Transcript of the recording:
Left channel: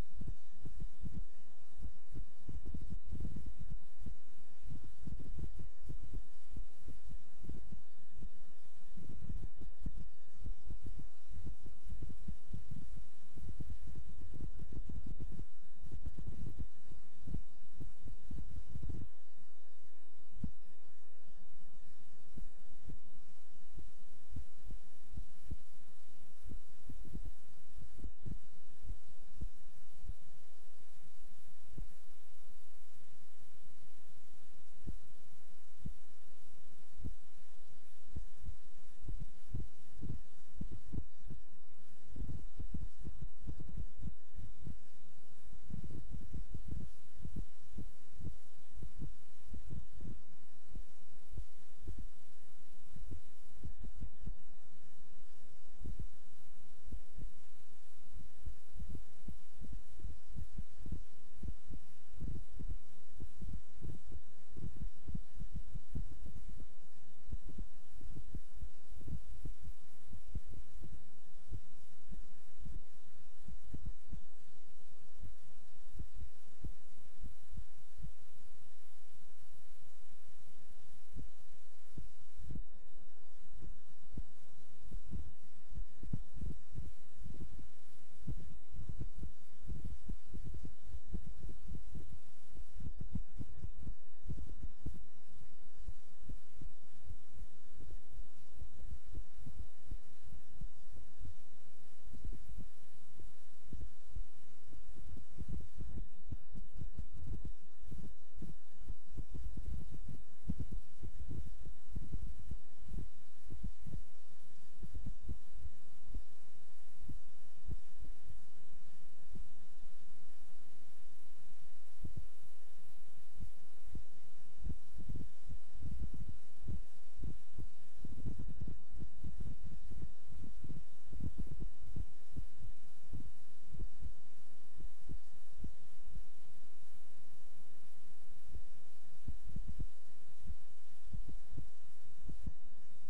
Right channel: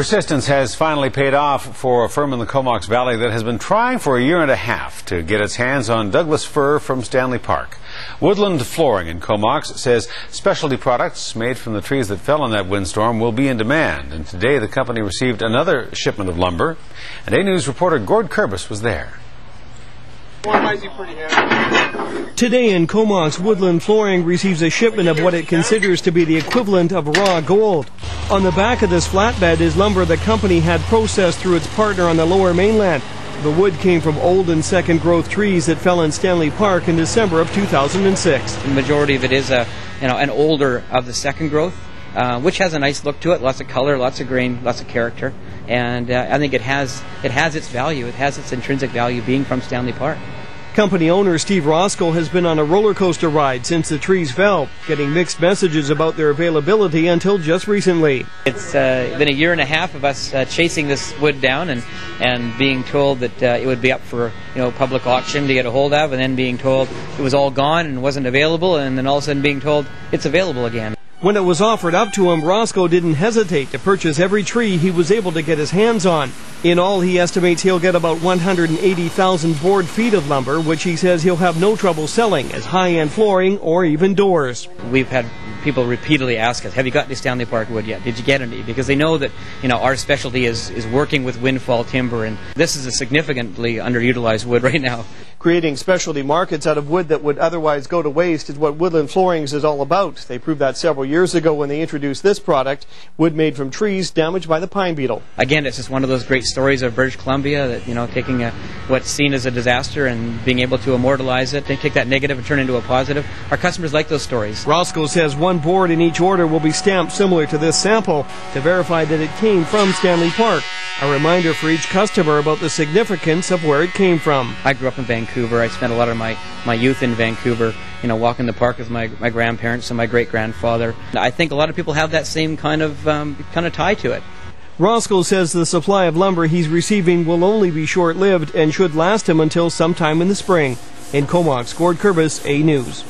Persistence has finally paid off for a firm in the Comox Valley that has been trying for a year and a half to get its hands on Douglas fir from Stanley Park. Woodland Flooring in Comox says specialty products made from the trees that fell in that windstorm will be in demand. And today the company received another shipment of lumber. And A News reporter Gord Kurbis was there. Today in Comox, Woodland Flooring receives a shipment of what it considers to be the equivalent of raw gold. On the back of this flatbed is lumber the company had processed through its partner on the Lower Mainland. The wood came from old and second growth trees that fell in Stanley Park in December of 2006. The majority of it is an older of the second growth, which has a nice look to it, lots of color, lots of grain, lots of character, and I think it has its value. It has its intrinsic value being from Stanley Park. Company owner Steve Roscoe has been on a roller coaster ride since the trees fell, getting mixed messages about their availability until just recently. It's been a year and a half of us chasing this wood down and being told that it would be up for public auction to get a hold of, and then being told it was all gone and wasn't available, and then all of a sudden being told it's available again. When it was offered up to him, Roscoe didn't hesitate to purchase every tree he was able to get his hands on. In all, he estimates he'll get about 180,000 board feet of lumber, which he says he'll have no trouble selling as high-end flooring or even doors. We've had people repeatedly ask us, have you got any Stanley Park wood yet? Did you get any? Because they know that our specialty is working with windfall timber, and this is a significantly underutilized wood right now. Creating specialty markets out of wood that would otherwise go to waste is what Woodland Floorings is all about. They proved that several years ago when they introduced this product, wood made from trees damaged by the pine beetle. Again, it's just one of those great stories of British Columbia that, taking what's seen as a disaster and being able to immortalize it, they take that negative and turn it into a positive. Our customers like those stories. Roscoe says one board in each order will be stamped similar to this sample to verify that it came from Stanley Park. A reminder for each customer about the significance of where it came from. I grew up in Vancouver. I spent a lot of my youth in Vancouver, walking the park with my grandparents and my great-grandfather. I think a lot of people have that same kind of tie to it. Roscoe says the supply of lumber he's receiving will only be short-lived and should last him until sometime in the spring. In Comox, Gord Kurbis, A News.